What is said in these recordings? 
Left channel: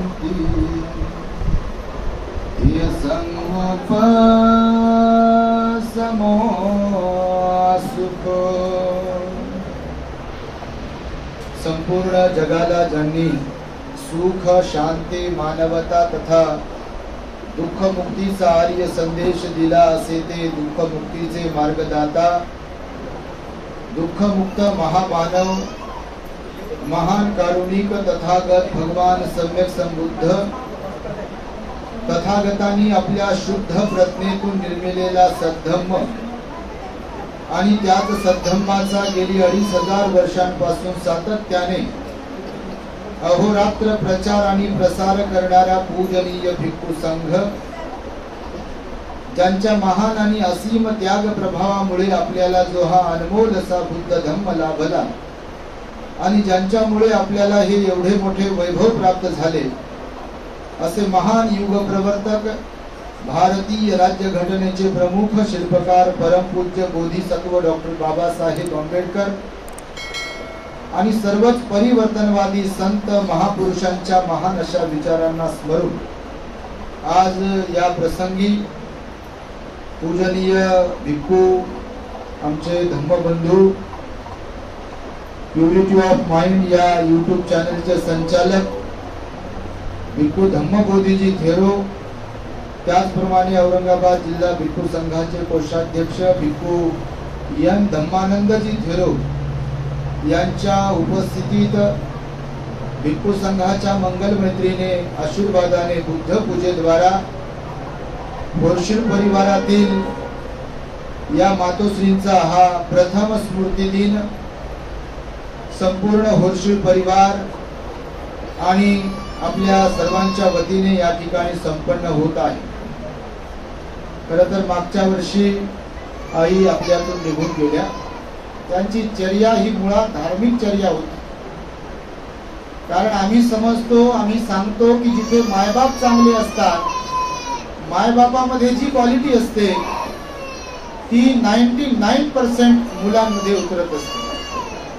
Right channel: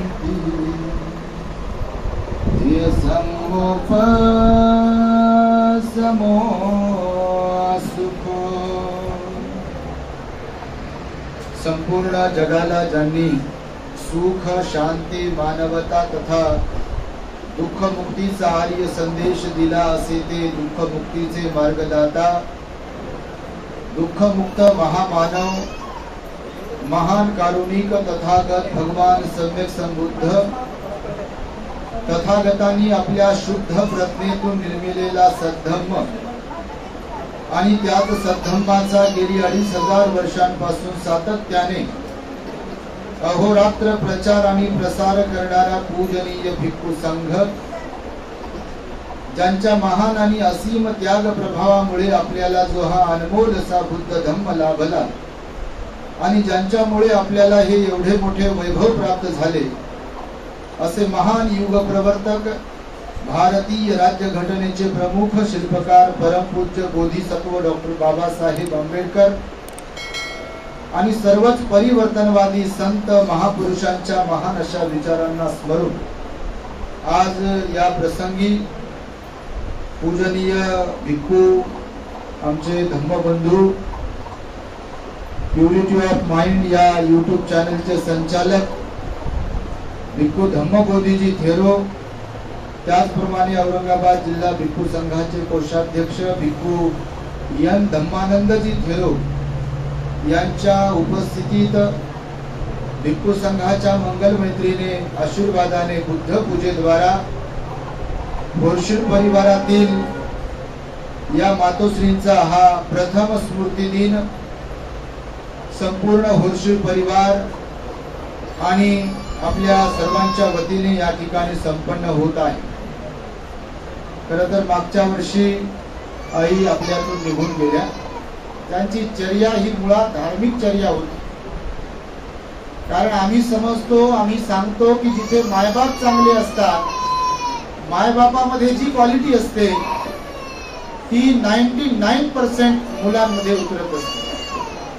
शांति ये संगोप समो सुख। संपूर्ण जगाला ज्यांनी सुख शांती मानवता तथा दुःख मुक्तीचा आर्य संदेश दिला असे ते दुःख मुक्तीचे मार्गदाता दुःख मुक्त महामानव महान कारुणिक तथागत भगवान सम्यक संबुद्ध तथागतांनी आपल्या शुद्ध प्रज्ञेतून निर्मिलेला सद्धम्म आणि त्याच सद्धम्माचा गेली 2500 वर्षांपासून सातत्याने अहोरात्र प्रचार आणि प्रसार करणारा पूजनीय भिक्खू संघ ज्यांच्या महान आणि असीम त्याग प्रभावामुळे आपल्याला जो हा अनमोल असा बुद्ध धम्म लाभला आणि ज्यांच्यामुळे आपल्याला हे एवढे मोठे वैभव प्राप्त झाले असे महान युग प्रवर्तक भारतीय राज्यघटनेचे प्रमुख शिल्पकार परमपूज्य बोधिसत्व डॉक्टर बाबासाहेब आंबेडकर आणि सर्वच परिवर्तनवादी संत महापुरुषांच्या महान अशा विचारांना स्मरून आज या प्रसंगी पूजनीय भिक्खू आमचे धम्मबंधू प्युरिटी ऑफ माइंड या यूट्यूब चॅनलचे संचालक भिक्खू धम्मबोधीजी थेरो, त्याचप्रमाणे औरंगाबाद जिल्हा भिक्खू संघाचे कोषाध्यक्ष भिक्खू एन धम्मानंदजी थेरो यांच्या उपस्थितीत भिक्खू संघाच्या मंगल मैत्रीने आशीर्वादाने बुद्ध पूजेद्वारा बोरशीर परिवारातील या मातोश्रींचा हा प्रथम स्मृती दिन संपूर्ण होरशीर परिवार आणि आपल्या सर्वांच्या वतीने या ठिकाणी संपन्न होत आहे। खरं तर मागच्या वर्षी आई आपल्यातून निघून गेल्या। त्यांची चर्या ही मुळात धार्मिक चर्या होती, कारण आम्ही समजतो आम्ही सांगतो की जिथे मायबाप चांगले असतात मायबापामध्ये जी क्वालिटी असते ती 99% मुलांमध्ये उतरत असते।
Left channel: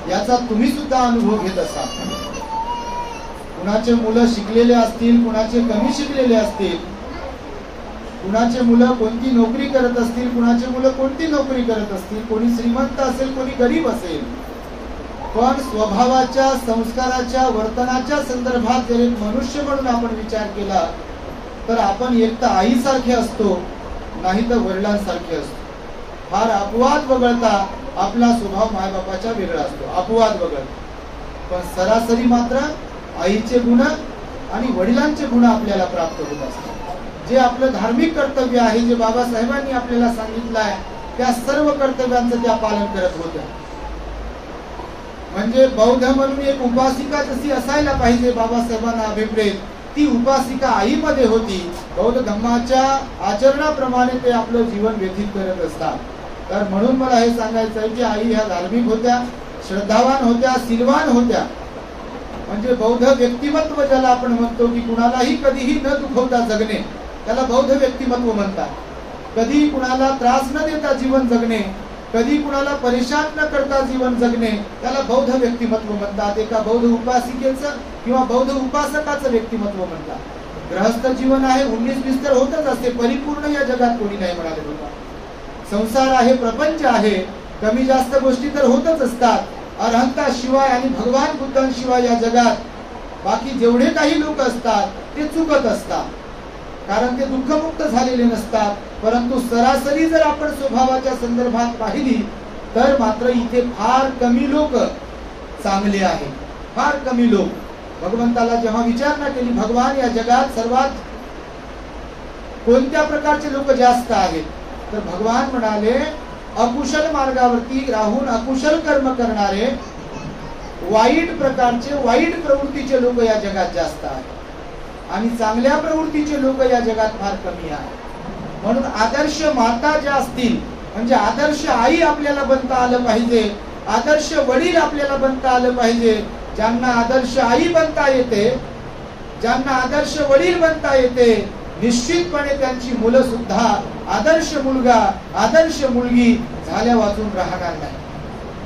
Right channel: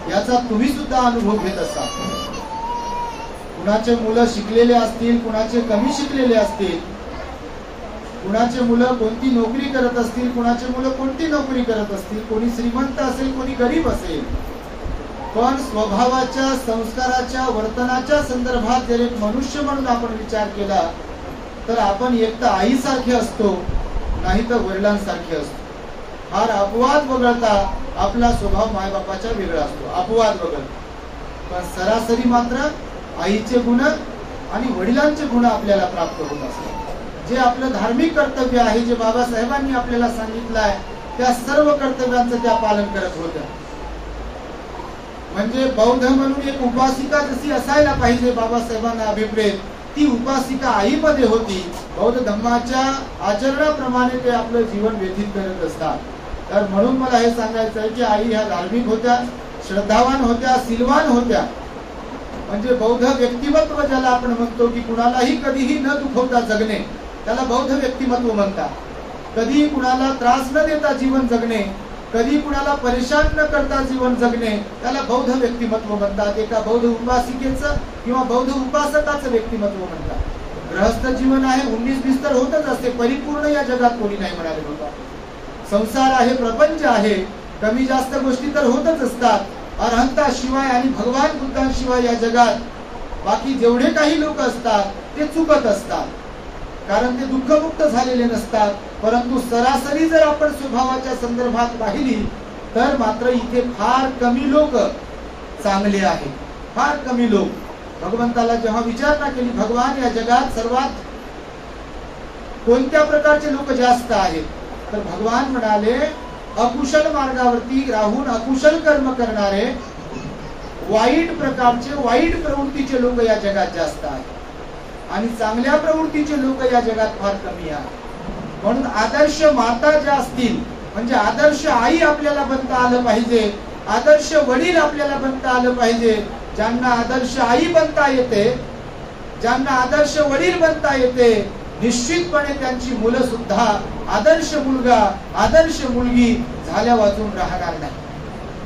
याचा तुम्ही सुद्धा अनुभव घेत असाल। कुणाचे मुलं शिकलेले असतील, कुणाचे कमी शिकलेले असतील, कुणाचे मुलं कोणती नोकरी करत असतील, कुणाचे मुलं कोणती नोकरी करत असतील, कोणी श्रीमंत असेल कोणी गरीब असेल, पण स्वभावाच्या संस्काराच्या वर्तनाच्या संदर्भात जर एक मनुष्य म्हणून आपण विचार केला तर आपण एक तर आईसारखे असतो नाही तर वडिलांसारखे असतो। फार अपवाद वगळता आपला स्वभाव मायबापाच्या वेगळा असतो, अपवाद वगळता, पण सरासरी मात्र आईचे गुण आणि वडिलांचे गुण आपल्याला प्राप्त होत असतात। जे आपलं धार्मिक कर्तव्य आहे, जे बाबासाहेबांनी आपल्याला सांगितलं आहे, त्या सर्व कर्तव्यांचं त्या पालन करत होत्या। म्हणजे बौद्ध म्हणून एक उपासिका जशी असायला पाहिजे बाबासाहेबांना अभिप्रेत, ती उपासिका आईमध्ये होती। बौद्ध धम्माच्या आचरणाप्रमाणे ते आपलं जीवन व्यतीत करत असतात। तर म्हणून मला हे सांगायचं आहे की आई ह्या धार्मिक होत्या, श्रद्धावान होत्या, सिलवान होत्या। म्हणजे बौद्ध व्यक्तिमत्व ज्याला आपण म्हणतो की कुणालाही कधीही न दुखवता जगणे, त्याला बौद्ध व्यक्तिमत्व म्हणतात। कधी कुणाला त्रास न देता जीवन जगणे, कधी कुणाला परेशान न करता जीवन जगणे, त्याला बौद्ध व्यक्तिमत्व म्हणतात। एका बौद्ध उपासिकेचं किंवा बौद्ध उपासकाचं व्यक्तिमत्व म्हणतात। गृहस्थ जीवन आहे, 19-20 तर होतच असते, परिपूर्ण या जगात कोणी नाही म्हणाले होता। संसार आहे, प्रपंच आहे, कमी जास्त गोष्टी तर होतच असतात। अरहंता शिवाय आणि भगवान बुद्धांशिवाय या जगात बाकी जेवढे काही लोक असतात ते चुकत असतात, कारण ते दुःखमुक्त झालेले नसतात। परंतु सरासरी जर आपण स्वभावाच्या संदर्भात पाहिली तर मात्र इथे फार कमी लोक चांगले आहेत, फार कमी लोक। भगवंताला जेव्हा विचारणा केली भगवान या जगात सर्वात कोणत्या प्रकारचे लोक जास्त आहेत, तर भगवान म्हणाले अकुशल मार्गावरती राहून अकुशल कर्म करणारे, वाईट प्रकारचे वाईट प्रवृत्तीचे लोक या जगात जास्त आहेत आणि चांगल्या प्रवृत्तीचे लोक या जगात फार कमी आहेत। म्हणून आदर्श माता ज्या असतील, म्हणजे आदर्श आई आपल्याला बनता आलं पाहिजे, आदर्श वडील आपल्याला बनता आलं पाहिजे। ज्यांना आदर्श आई बनता येते, ज्यांना आदर्श वडील बनता येते, निश्चितपणे त्यांची मुलं सुद्धा आदर्श मुलगा आदर्श मुलगी झाल्या वाचून राहणार नाही।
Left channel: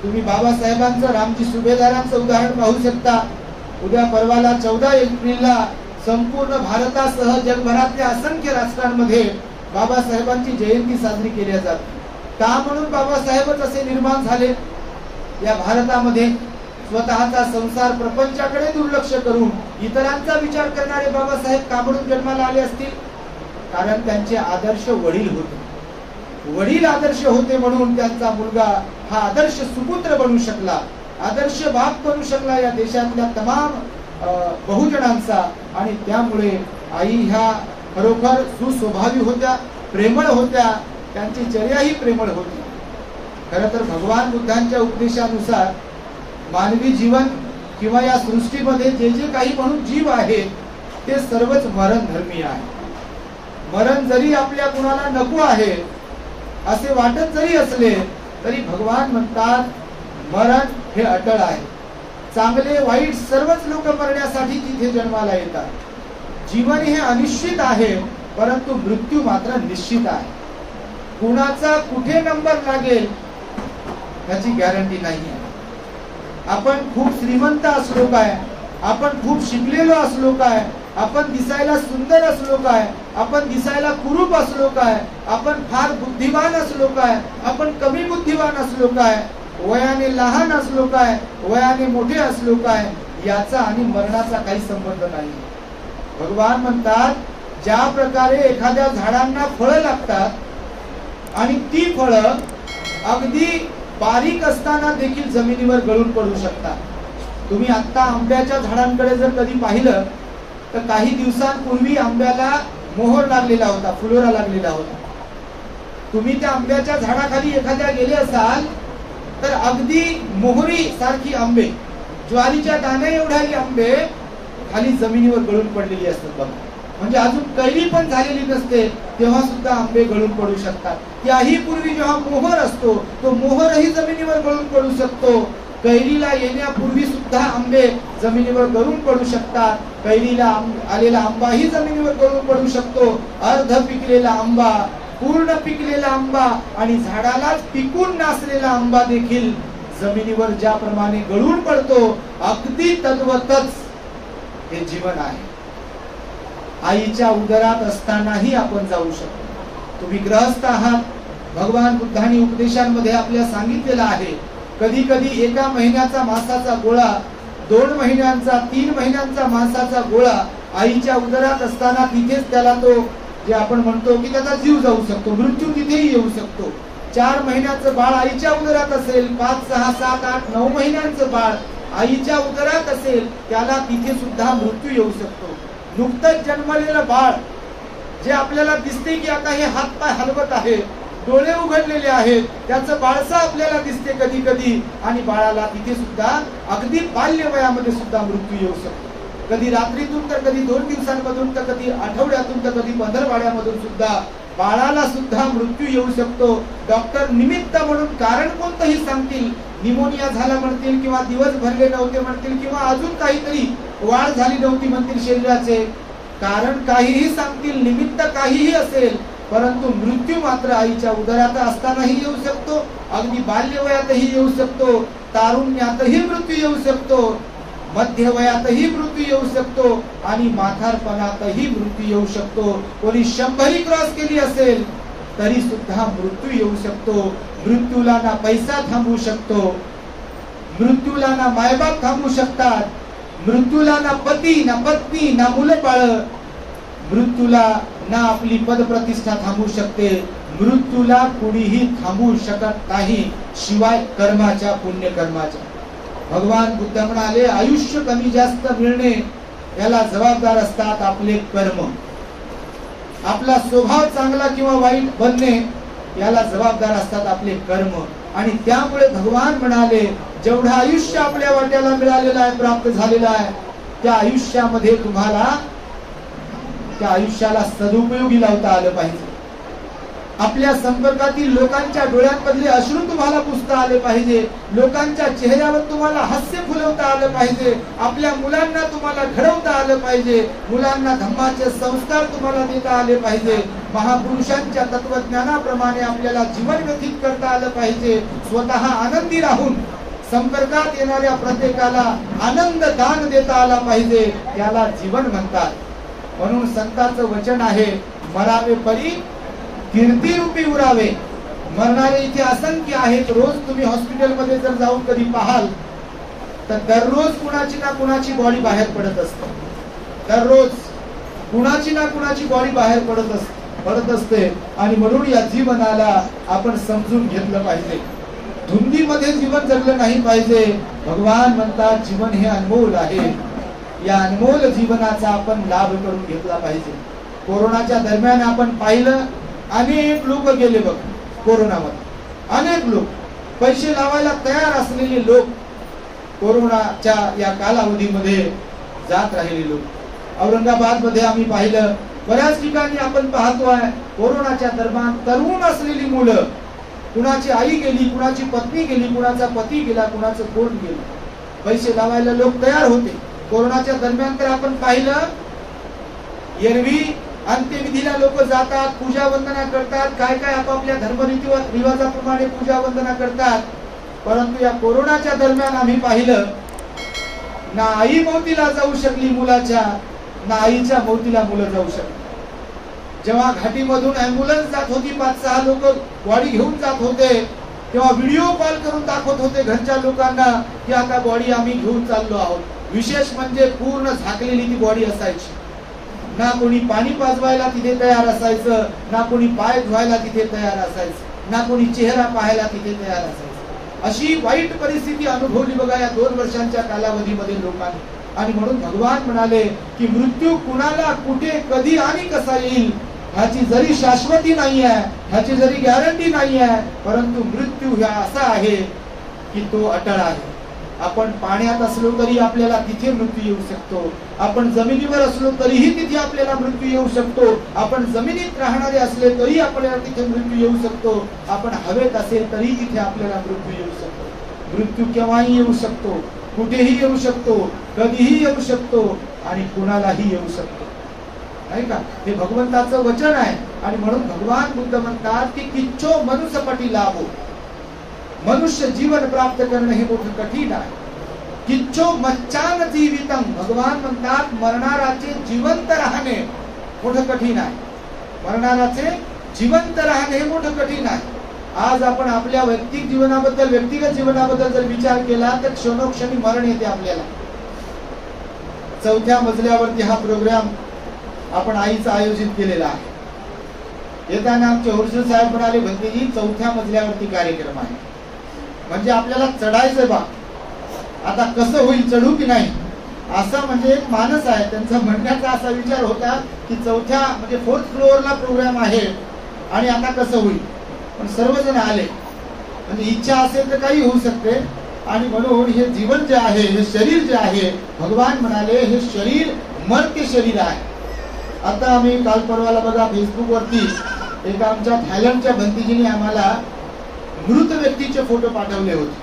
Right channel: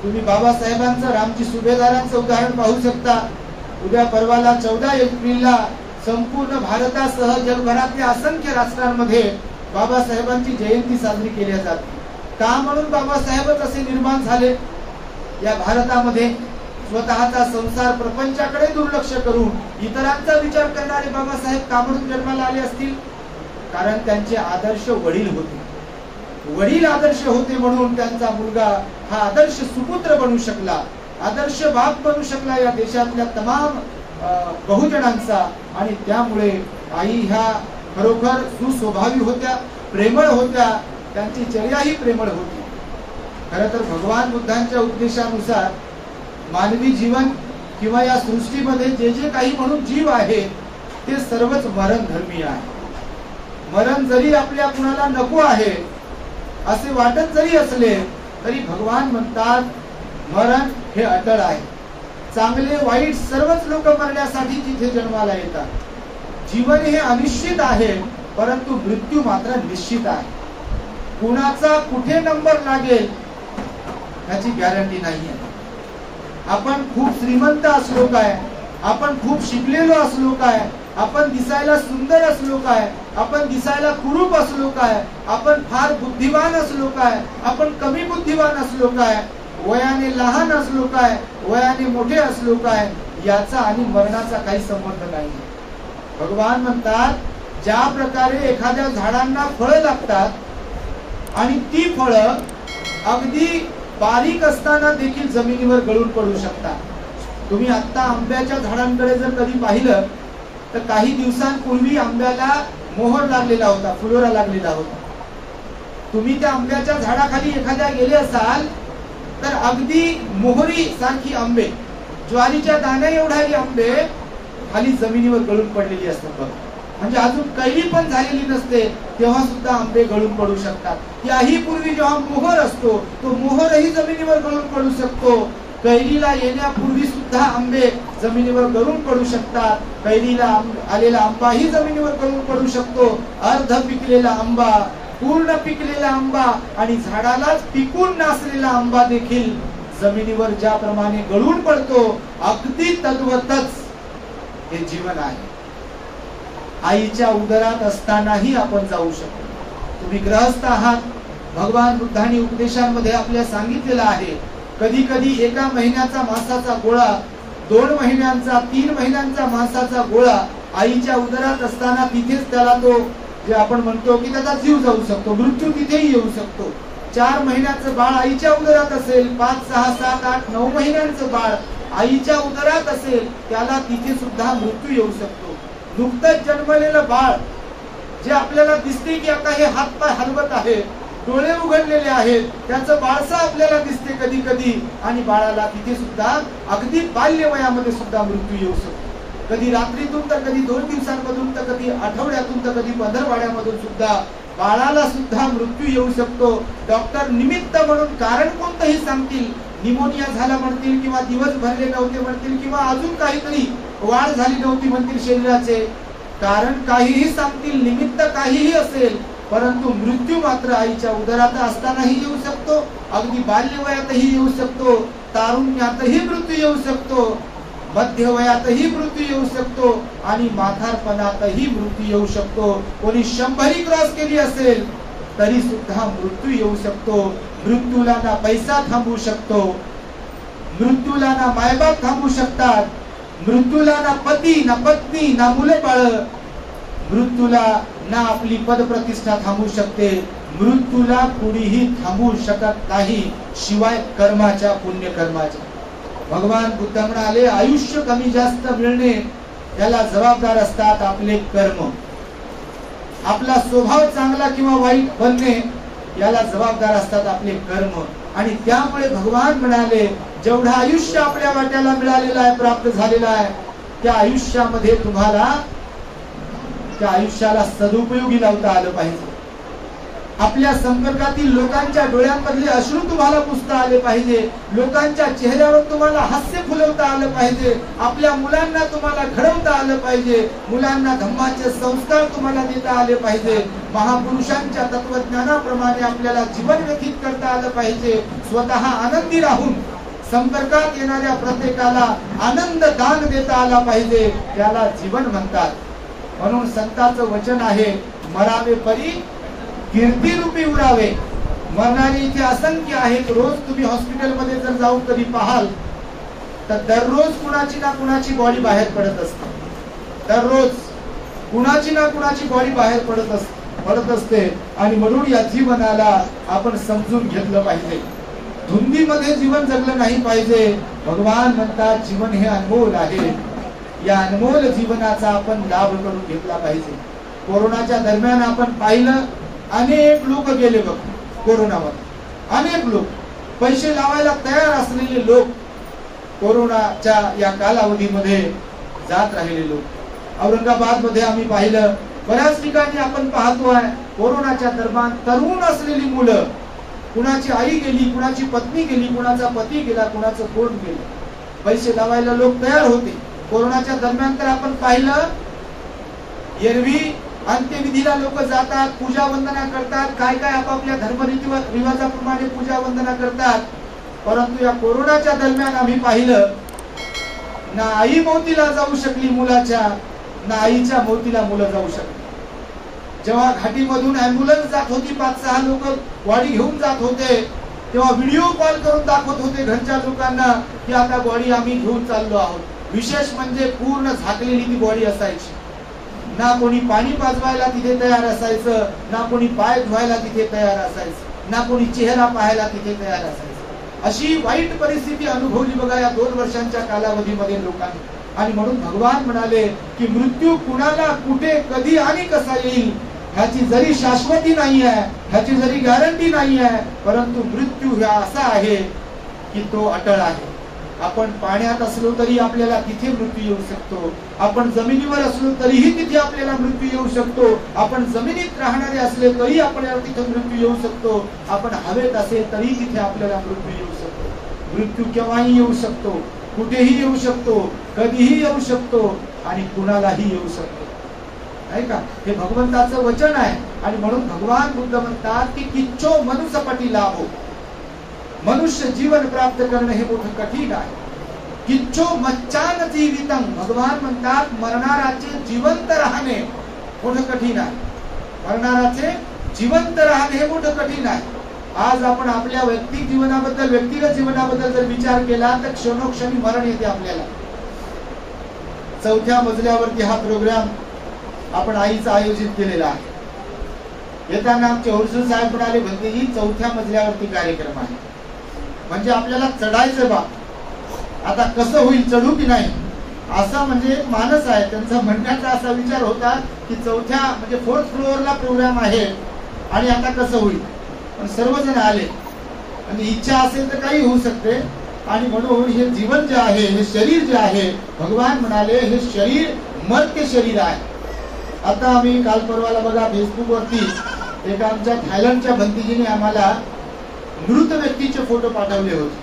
तुम्ही बाबासाहेबांचं रामजी सुभेदारांचं उदाहरण पाहू शकता। उद्या परवाला 14 एप्रिलला संपूर्ण भारतासह जगभरातल्या असंख्य राष्ट्रांमध्ये बाबासाहेबांची जयंती साजरी केली जाते. का म्हणून बाबासाहेबच असे निर्माण झाले? या भारतामध्ये स्वतःचा संसार प्रपंचाकडे दुर्लक्ष करून इतरांचा विचार करणारे बाबासाहेब का म्हणून जन्माला आले असतील? कारण त्यांचे आदर्श वडील होते. वडील आदर्श होते म्हणून त्यांचा मुलगा हा आदर्श सुपुत्र बनू शकला, आदर्श बाप बनू शकला या देशातल्या तमाम बहुजनांचा. आणि त्यामुळे आई ह्या खरोखर सुस्वभावी होत्या, प्रेमळ होत्या, त्यांची चर्याही प्रेमळ होती. खरं तर भगवान बुद्धांच्या उपदेशानुसार मानवी जीवन किंवा या सृष्टीमध्ये जे जे काही म्हणून जीव आहे ते सर्वच मरण धर्मी आहे. मरण जरी आपल्या कुणाला नको आहे असे वाटत जरी असले तरी भगवान म्हणतात मरण हे अटळ आहे. चांगले वाईट सर्वच लोक मरण्यासाठी तिथे जन्माला येतात. जीवन हे अनिश्चित आहे परंतु मृत्यू मात्र निश्चित आहे. कुणाचा कुठे नंबर लागेल याची गॅरंटी नाही आहे. आपण खूप श्रीमंत असलो काय, आपण खूप शिकलेलो असलो काय, आपण दिसायला सुंदर असलो काय, आपण दिसायला कुरूप असलो काय, आपण फार बुद्धिवान असलो काय, आपण कमी बुद्धिवान असलो काय, वयाने लहान असलो काय, वयाने मोठे असलो काय, याचा आणि मरणाचा काही संबंध नाही. भगवान म्हणतात ज्या प्रकारे एखाद्या झाडांना फळं लागतात आणि ती फळं अगदी बारीक असताना देखील जमिनीवर गळून पडू शकतात. तुम्ही आता आंब्याच्या झाडांकडे जर कधी पाहिलं तर काही दिवसांपूर्वी आंब्याला मोहर लागलेला होता, फुलोरा लागलेला होता. तुम्ही त्या आंब्याच्या झाडाखाली एखाद्या गेले असाल तर अगदी मोहरी सारखी आंबे, ज्वारीच्या दाण्या एवढाही आंबे खाली जमिनीवर गळून पडलेली असतात बघा. म्हणजे अजून कैरी पण झालेली नसते तेव्हा सुद्धा आंबे गळून पडू शकतात. याही पूर्वी जेव्हा मोहर असतो तो मोहरही जमिनीवर गळून पडू शकतो. कैरीला येण्यापूर्वी सुद्धा आंबे जमिनीवर गळून पडू शकतात. कैरीला आलेला आंबाही जमिनीवर गळून पडू शकतो. अर्ध पिकलेला आंबा, पूर्ण पिकलेला आंबा आणि झाडालाच पिकून नासलेला आंबा देखील जमिनीवर ज्याप्रमाणे गळून पडतो अगदी तद्वतच हे जीवन आहे. आईच्या उदरात असतानाही आपण जाऊ शकतो. तुम्ही ग्रहस्थ आहात, भगवान बुद्धांनी उपदेशांमध्ये आपल्याला सांगितलेलं आहे कधी कधी एका महिन्याचा मांसाचा गोळा, 2 महिन्यांचा, 3 महिन्यांचा मांसाचा गोळा आईच्या उदरात असताना तिथेच त्याला तो जे आपण म्हणतो की त्याचा जीव जाऊ शकतो, मृत्यू तिथेही येऊ शकतो. 4 महिन्याचं बाळ आईच्या उदरात असेल, 5, 6, 7, 8, 9 महिन्यांचं बाळ आईच्या उदरात असेल त्याला तिथे सुद्धा मृत्यू येऊ शकतो. नुकतंच जन्मलेलं बाळ जे आपल्याला दिसते की आता हे हात पाय हलवत आहे, डोळे उघडलेले आहेत, त्याचं बाळसं आपल्याला दिसते कधी कधी आणि बाळाला तिथे सुद्धा अगदी बाल्य वयामध्ये सुद्धा मृत्यू येऊ शकतो. कधी रात्रीतून तर कधी 2 दिवसांमधून तर कधी आठवड्यातून तर कधी पंधरवाड्यामधून सुद्धा बाळाला सुद्धा मृत्यू येऊ शकतो. डॉक्टर निमित्त म्हणून कारण कोणतंही सांगतील, निमोनिया झाला म्हणतील किंवा दिवस भरले नव्हते म्हणतील किंवा अजून काहीतरी वाढ झाली नव्हती म्हणतील शरीराचे, कारण काहीही सांगतील, निमित्त काहीही असेल परंतु मृत्यू मात्र आईच्या उदरात असतानाही येऊ शकतो, अगदी बाल्य वयातही येऊ शकतो, तारुण्यातही मृत्यू येऊ शकतो, मध्य वयातही मृत्यू येऊ शकतो आणि म्हातारपणातही मृत्यू येऊ शकतो. कोणी 100 क्रॉस केली असेल तरी सुद्धा मृत्यू येऊ शकतो. मृत्यूला ना पैसा थांबवू शकतो, मृत्यूला ना मायबाप थांबवू शकतात, मृत्यूला ना पती ना पत्नी ना मुलं बाळ, मृत्यूला ना आपली पदप्रतिष्ठा थांबवू शकते. मृत्यूला कुणीही थांबवू शकत नाही शिवाय कर्माच्या, पुण्यकर्माच्या. भगवान बुद्ध म्हणाले आयुष्य कमी जास्त मिळणे याला जबाबदार असतात आपले कर्म. आपला स्वभाव चांगला किंवा वाईट बनणे याला जबाबदार असतात आपले कर्म. आणि त्यामुळे भगवान म्हणाले जेवढं आयुष्य आपल्या वाट्याला मिळालेलं आहे, प्राप्त झालेलं आहे, त्या आयुष्यामध्ये तुम्हाला त्या आयुष्याला सदुपयोगी लावता आलं पाहिजे. आपल्या संपर्कातील लोकांच्या डोळ्यांमधले अश्रू तुम्हाला पुसता आले पाहिजे, लोकांच्या चेहऱ्यावर तुम्हाला हास्य फुलवता आलं पाहिजे, आपल्या मुलांना तुम्हाला घडवता आलं पाहिजे, मुलांना धम्माचे संस्कार तुम्हाला देता आले पाहिजे, महापुरुषांच्या तत्वज्ञानाप्रमाणे आपल्याला जीवन व्यतीत करता आलं पाहिजे, स्वतः आनंदी राहून संपर्कात येणाऱ्या प्रत्येकाला आनंद दान देता आला पाहिजे. त्याला जीवन म्हणतात. म्हणून संतांचं वचन आहे, मरावे परी कीर्तिरूपी उरावे. मरणारे इथे असंख्य आहेत. रोज तुम्ही हॉस्पिटलमध्ये जर जाऊन कधी पाहाल तर दररोज कुणाची ना कुणाची बॉडी बाहेर पडत असते. दररोज कुणाची ना कुणाची बॉडी बाहेर पडत असते. आणि म्हणून या जीवनाला आपण समजून घेतलं पाहिजे. धुंदीमध्ये जीवन जगलं नाही पाहिजे. भगवान म्हणतात जीवन हे अनमोल आहे. या अनमोल जीवनाचा आपण लाभ करून घेतला पाहिजे. कोरोनाच्या दरम्यान आपण पाहिलं, अनेक लोक गेले बघ कोरोनामध्ये. अनेक लोक, पैसे लावायला तयार असलेले लोक कोरोनाच्या या कालावधीमध्ये जात राहिले लोक. औरंगाबाद मध्ये आम्ही पाहिलं, बऱ्याच ठिकाणी आपण पाहतोय कोरोनाच्या दरम्यान तरुण असलेली मुलं, कुणाची आई गेली, कुणाची पत्नी गेली, कुणाचा पती गेला, कुणाचं कोण गेलं. पैसे लावायला लोक तयार होते. कोरोनाच्या दरम्यान तर आपण पाहिलं, एरवी अंत्यविधीला लोक जातात, पूजा वंदना करतात, काय काय आपापल्या धर्मरीती रिवाजाप्रमाणे पूजा वंदना करतात. परंतु या कोरोनाच्या दरम्यान आम्ही पाहिलं, ना आई मौतीला जाऊ शकली मुलाच्या, ना आईच्या मौतीला मुलं जाऊ शकली. जेव्हा घाटीमधून अँब्युलन्स जात होती, 5-6 लोक बॉडी घेऊन जात होते, तेव्हा व्हिडिओ कॉल करून दाखवत होते घरच्या लोकांना की आता बॉडी आम्ही घेऊन चाललो आहोत. विशेष म्हणजे पूर्ण झाकलेली ती बॉडी असायची. ना कोणी पाणी पाजवायला तिथे तयार असायचं, ना कोणी पाय धुवायला तिथे तयार असायचं, ना कोणी चेहरा पाहायला तिथे तयार असायचं. अशी वाईट परिस्थिती अनुभवली बघा या 2 वर्षांच्या कालावधीमध्ये लोकांनी. आणि म्हणून भगवान म्हणाले की मृत्यू कुणाला कुठे कधी आणि कसा येईल ह्याची जरी शाश्वती नाही आहे, ह्याची जरी गॅरंटी नाही आहे, परंतु मृत्यू हा असा आहे की तो अटळ आहे. आपण पाण्यात असलो तरी आपल्याला तिथे मृत्यू येऊ शकतो. आपण जमिनीवर असलो तरीही तिथे आपल्याला मृत्यू येऊ शकतो. आपण जमिनीत राहणारे असले तरी आपल्याला तिथे मृत्यू येऊ शकतो. आपण हवेत असेल तरी तिथे आपल्याला मृत्यू येऊ शकतो. मृत्यू केव्हाही येऊ शकतो, कुठेही येऊ शकतो, कधीही येऊ शकतो आणि कुणालाही येऊ शकतो, नाही का? हे भगवंताचं वचन आहे. आणि म्हणून भगवान बुद्ध म्हणतात की किच्चो मनुष्यपटी लाभो. मनुष्य जीवन प्राप्त करणं हे मोठं कठीण आहे. किच्चो मच्चान जीवितम. भगवान म्हणतात मरणाराचे जिवंत राहणे मोठं कठीण आहे. मरणाराचे जिवंत राहणे हे मोठं कठीण आहे. आज आपण आपल्या व्यक्तिगत जीवनाबद्दल जर विचार केला तर क्षणोक्षणी मरण येते आपल्याला. 4थ्या मजल्यावरती हा प्रोग्राम आपण आईचा आयोजित केलेला आहे. येताना आमचे होलसेल साहेब म्हणाले, भंतेजी 4थ्या मजल्यावरती कार्यक्रम आहे, म्हणजे आपल्याला चढायचं बा. आता कसं होईल, चढू की नाही, असा म्हणजे एक मानस आहे त्यांचा. म्हणण्याचा असा विचार होता की 4थ्या म्हणजे 4th फ्लोअरला प्रोग्राम आहे आणि आता कसं होईल. पण सर्वजण आले. म्हणजे इच्छा असेल तर काही होऊ शकते. आणि म्हणून हे जीवन जे आहे, हे शरीर जे आहे, भगवान म्हणाले हे शरीर मर्त्य शरीर आहे. आता आम्ही काल परवाला बघा फेसबुक वरती एक आमच्या थायलंडच्या भंतीजीने आम्हाला मृत व्यक्तीचे फोटो पाठवले होते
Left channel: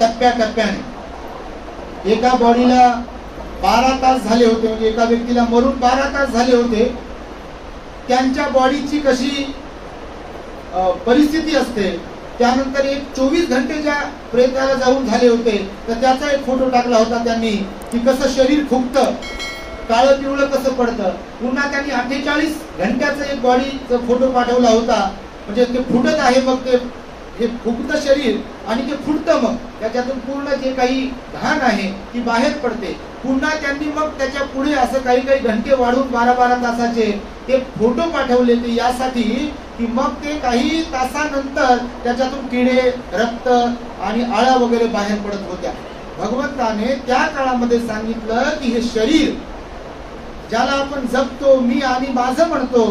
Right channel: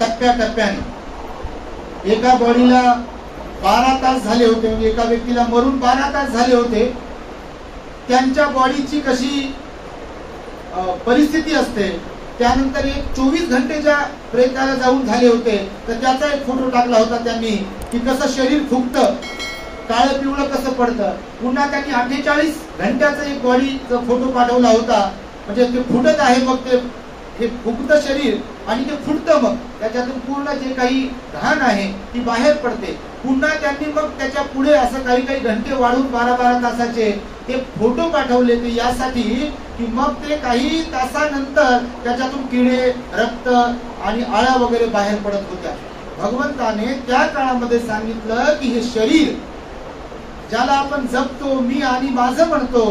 टप्प्याटप्प्याने. एका बॉडीला 12 तास झाले होते, म्हणजे एका व्यक्तीला मरून 12 तास झाले होते. त्यांच्या बॉडीची कशी परिस्थिती असते, त्यानंतर एक 24 घंटेच्या प्रयत्नाला जाऊन झाले होते, तर त्याचा एक फोटो टाकला होता त्यांनी की कसं शरीर फुगतं, काळं पिवळं कसं पडतं. पुन्हा त्यांनी 48 घंट्याचा एक बॉडीचा फोटो पाठवला होता. म्हणजे ते फुटत आहे, मग ते हे फुगतं शरीर आणि ते फुटतं, मग त्याच्यातून पूर्ण जे काही घाण आहे ती बाहेर पडते. पुन्हा त्यांनी मग त्याच्या पुढे असं काही काही घंटे वाढवून 12-12 तासाचे ते फोटो पाठवले. ते यासाठी की मग ते काही तासानंतर त्याच्यातून किडे, रक्त आणि आळ्या वगैरे बाहेर पडत होत्या. भगवंताने त्या काळामध्ये सांगितलं की हे शरीर ज्याला आपण जपतो, मी आणि माझं म्हणतो,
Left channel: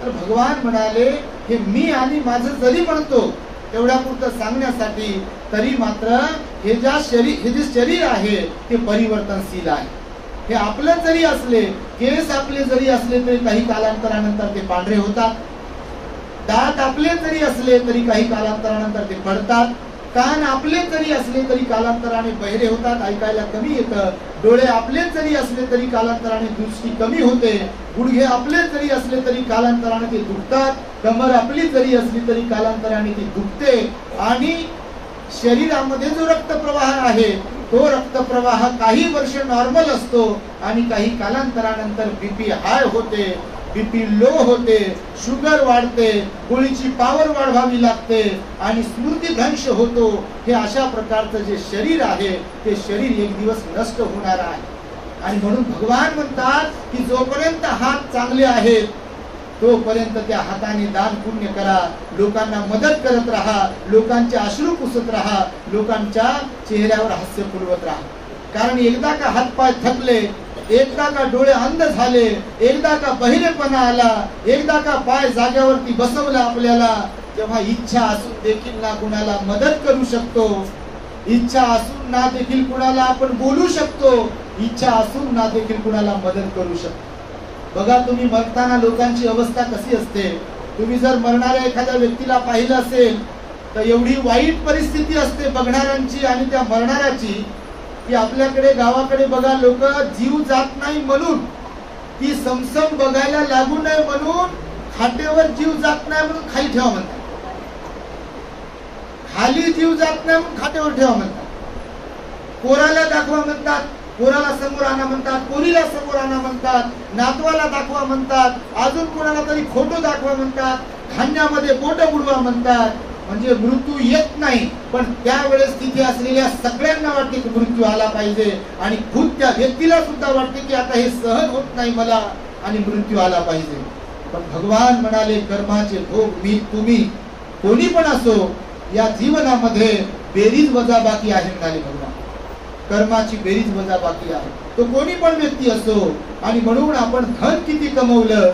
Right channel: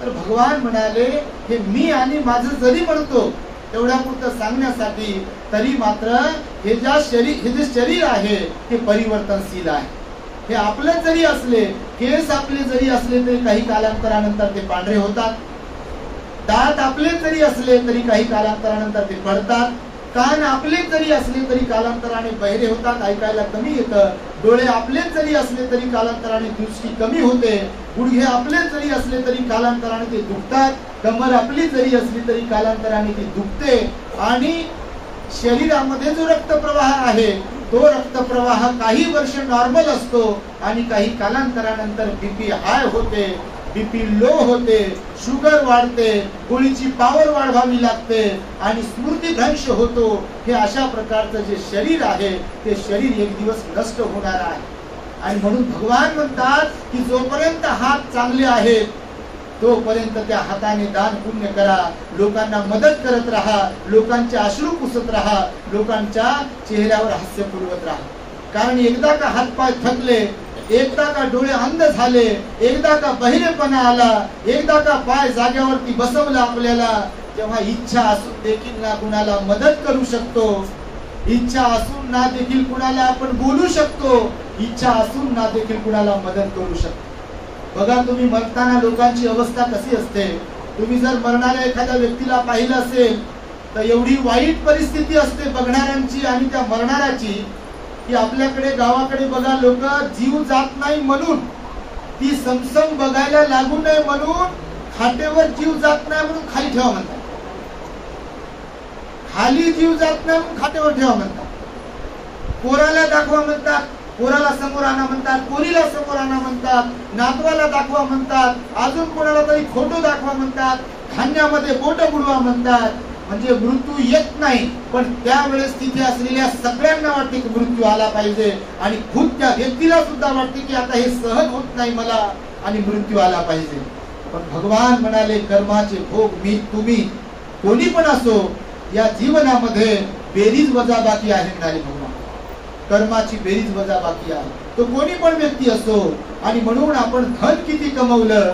तर भगवान म्हणाले हे मी आणि माझं जरी म्हणतो तेवढ्या पुरतं सांगण्यासाठी, तरी मात्र हे जे शरीर आहे ते परिवर्तनशील आहे. हे आपलं जरी असले, केस आपले जरी असले तरी काही कालांतरानंतर ते पांढरे होतात. दात आपले जरी असले तरी काही कालांतरानंतर ते पडतात. कान आपले जरी असले तरी कालांतराने बहिरे होतात, ऐकायला कमी येतं. डोळे आपले जरी असले तरी कालांतराने दृष्टी कमी होते. गुडघे आपले जरी असले तरी कालांतराने ते दुखतात. कमर आपली जरी असली तरी कालांतराने ती दुखते. आणि शरीरामध्ये जो रक्तप्रवाह आहे तो रक्तप्रवाह काही वर्ष नॉर्मल असतो आणि काही कालांतरानंतर बीपी हाय होते, बीपी लो होते, शुगर वाढते, गोळीची पॉवर वाढवावी लागते आणि स्मृतिभ्रंश होतो. हे अशा प्रकारचं जे शरीर आहे ते शरीर एक दिवस नष्ट होणार आहे. आणि म्हणून भगवान म्हणतात की जोपर्यंत हात चांगले आहेत तोपर्यंत त्या हाताने दान पुण्य करा, लोकांना मदत करत राहा, लोकांचे अश्रू पुसत राहा, लोकांच्या चेहऱ्यावर हास्य पुरवत राहा. कारण एकदा का हातपाय थकले, एकदा का डोळे अंध झाले, एकदा का बहिरेपणा आला, एकदा का पाय जागेवरती बसवला आपल्याला, तेव्हा इच्छा असून देखील ना कुणाला मदत करू शकतो, इच्छा असून ना देखील कुणाला आपण बोलू शकतो, इच्छा असून ना देखील कुणाला मदत करू शकतो. बघा तुम्ही मरताना लोकांची अवस्था कशी असते. तुम्ही जर मरणाऱ्या एखाद्या व्यक्तीला पाहिलं असेल तर एवढी वाईट परिस्थिती असते बघणाऱ्यांची आणि त्या मरणाऱ्याची की आपल्याकडे गावाकडे बघा लोक जीव जात नाही म्हणून, ती समसम बघायला लागू नये म्हणून खाटेवर जीव जात नाही म्हणून खाली ठेवा म्हणतात, खाली जीव जात नाही म्हणून खाटेवर ठेवा म्हणतात, पोराला दाखवा म्हणतात, पोराला समोर आणा म्हणतात, पोरीला समोर आणा म्हणतात, नातवाला दाखवा म्हणतात, अजून कोणाला तरी फोटो दाखवा म्हणतात, खांद्यामध्ये बोट बुडवा म्हणतात. म्हणजे मृत्यू येत नाही पण त्यावेळेस तिथे असलेल्या सगळ्यांना वाटते की मृत्यू आला पाहिजे आणि खुद त्या व्यक्तीला सुद्धा वाटते की आता हे सहन होत नाही मला आणि मृत्यू आला पाहिजे. पण भगवान म्हणाले कर्माचे भोग मी तुम्ही कोणी पण असो या जीवनामध्ये बेरीज वजाबाकी आहे म्हणाले भगवान. कर्माची बेरीज वजाबाकी आहे, तो कोणी पण व्यक्ती असो. आणि म्हणून आपण धन किती कमवलं,